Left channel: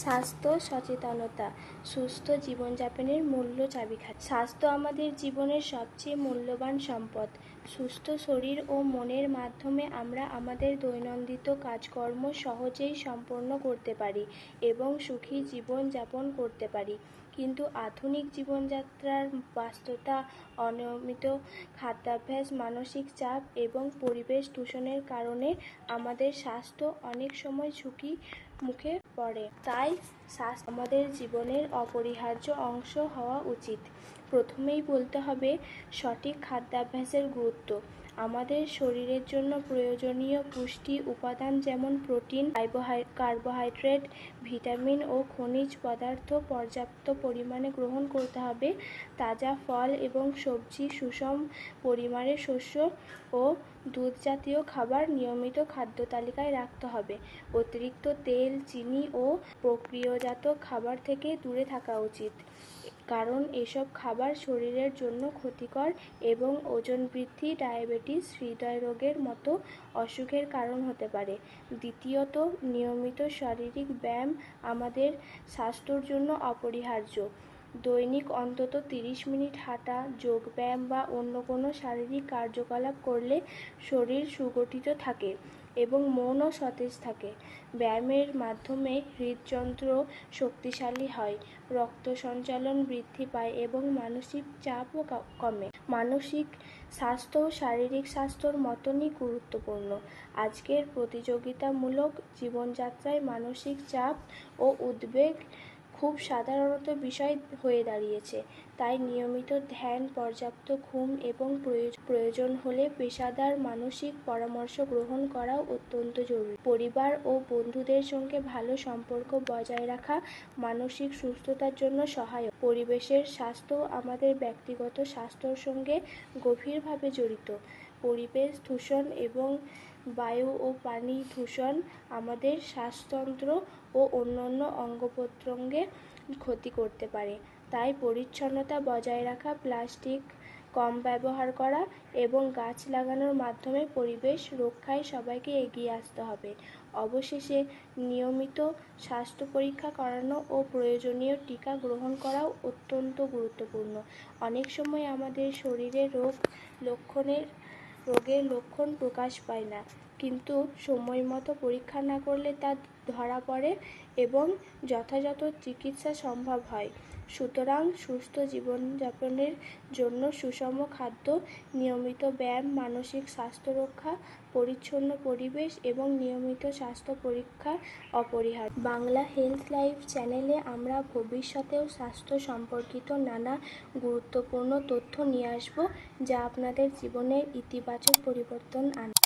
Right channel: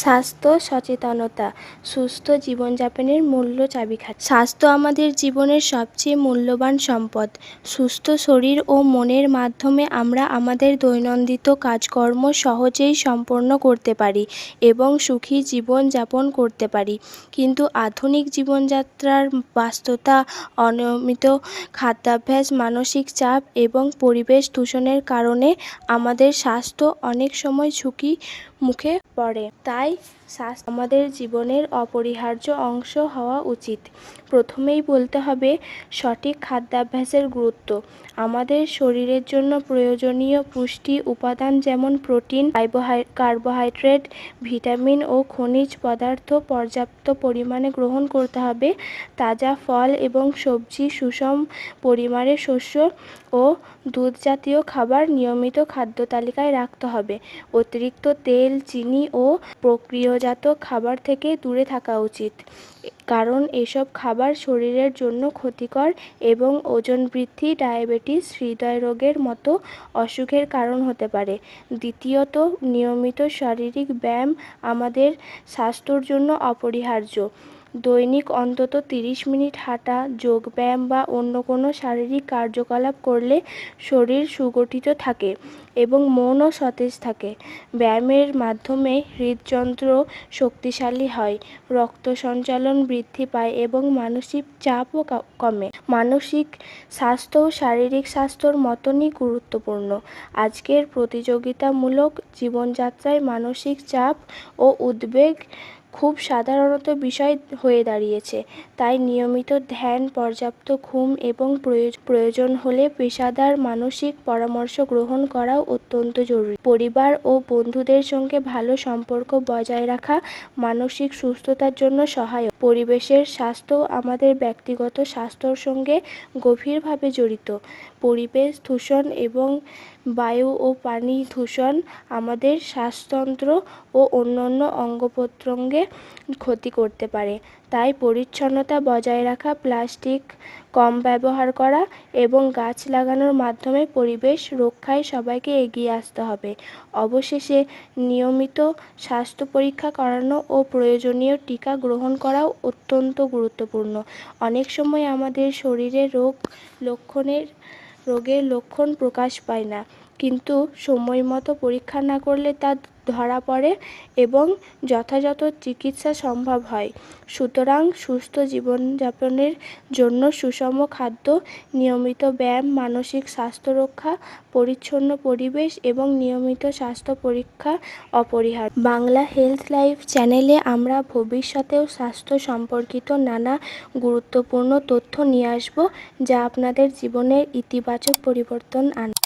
স্বাস্থ্য সচেতনতা সুস্থ জীবনযাপনের মূল্য চাবিকাঠি। স্বাস্থ্য আমাদের জীবনের সবচেয়ে মূল্যবান সম্পদ। সুস্থ শরীর ও মনের মাধ্যমে আমরা আমাদের দৈনন্দিন কাজকর্ম সহজেই সম্পন্ন করতে পারি এবং সুখী জীবন যাপন করতে পারি। কিন্তু আধুনিক জীবনযাত্রার ব্যস্ততা, অনিয়মিত খাদ্যাভ্যাস, মানসিক চাপ এবং পরিবেশ দূষণের কারণে আমাদের স্বাস্থ্য অনেক সময় ঝুঁকির মুখে পড়ে। তাই স্বাস্থ্য আমাদের জীবনের অপরিহার্য অংশ হওয়া উচিত। প্রথমেই বলতে হবে সঠিক খাদ্যাভ্যাসের গুরুত্ব। আমাদের শরীরের জন্য প্রয়োজনীয় পুষ্টি উপাদান যেমন প্রোটিন, কার্বোহাইড্রেট, ভিটামিন ও খনিজ পদার্থ পর্যাপ্ত পরিমাণে গ্রহণ করতে হবে। তাজা ফল এবং সবজি, সুষম পরিমাণে শস্য ও দুধ জাতীয় খাবার নিয়মিত খাদ্য তালিকায় রাখতে হবে। অতিরিক্ত তেল, চিনি ও প্রক্রিয়াজাত খাবার থেকে দূরে থাকা উচিত, কারণ এসব খাবার শরীরের জন্য ক্ষতিকর এবং ওজন বৃদ্ধি, ডায়াবেটিস, হৃদরোগের মতো অসুখের কারণ হতে পারে। দ্বিতীয়ত, নিয়মিত শারীরিক ব্যায়াম আমাদের স্বাস্থ্যের জন্য অপরিহার্য। দৈনিক অন্তত 30 মিনিট হাঁটা, যোগব্যায়াম বা অন্য কোনো শারীরিক কার্যকলাপ করলে শরীর সুগঠিত থাকে এবং মনও সতেজ থাকে। ব্যায়ামের মাধ্যমে হৃদযন্ত্র শক্তিশালী হয়, রক্ত সঞ্চালন বৃদ্ধি পায় এবং মানসিক চাপও কমে। মানসিক স্বাস্থ্য শারীরিক স্বাস্থ্যর মতনই গুরুত্বপূর্ণ। আজকের প্রতিযোগিতামূলক জীবনযাত্রায় মানসিক চাপ ও উদ্বেগ খুব সাধারণ বিষয় হয়ে দাঁড়িয়েছে। তাই নিয়মিত ধ্যান, পর্যাপ্ত ঘুম এবং প্রয়োজন হলে পেশাদার মানসিক পরামর্শ গ্রহণ করাও অত্যন্ত জরুরি। পরিবার ও বন্ধুদের সঙ্গে ভালো সম্পর্ক বজায় রাখা মানসিক সুস্থতার জন্য সহায়ক। পরিবেশের স্বাস্থ্য আমাদের ব্যক্তিগত স্বাস্থ্যের সঙ্গে গভীরভাবে জড়িত। পরিবেশ দূষণ এবং বায়ু ও পানি দূষণ আমাদের শ্বাসতন্ত্র ও অন্যান্য অঙ্গপ্রত্যঙ্গের ক্ষতি করতে পারে। তাই পরিচ্ছন্নতা বজায় রাখা, প্লাস্টিক কম ব্যবহার করা এবং গাছ লাগানোর মাধ্যমে পরিবেশ রক্ষায় সবাইকে এগিয়ে আসতে হবে। অবশেষে, নিয়মিত স্বাস্থ্য পরীক্ষা করানো ও প্রয়োজনীয় টিকা গ্রহণ করাও অত্যন্ত গুরুত্বপূর্ণ। অনেক সময় আমাদের শরীরে রোগের লক্ষণ প্রকাশ পায় না, কিন্তু সময়মতো পরীক্ষা না করলে তা ধরা পড়ে এবং যথাযথ চিকিৎসা সম্ভব হয়। সুতরাং সুস্থ জীবনযাপনের জন্য সুষম খাদ্য, নিয়মিত ব্যায়াম, মানসিক স্বাস্থ্য রক্ষা, পরিচ্ছন্ন পরিবেশ এবং নিয়মিত স্বাস্থ্য পরীক্ষা অপরিহার্য। বাংলা হেলথ লাইফ চ্যানেলে আমরা ভবিষ্যতেও স্বাস্থ্য সম্পর্কিত নানা গুরুত্বপূর্ণ তথ্য নিয়ে আসব, যা আপনাদের জীবনের ইতিবাচক পরিবর্তন আনবে।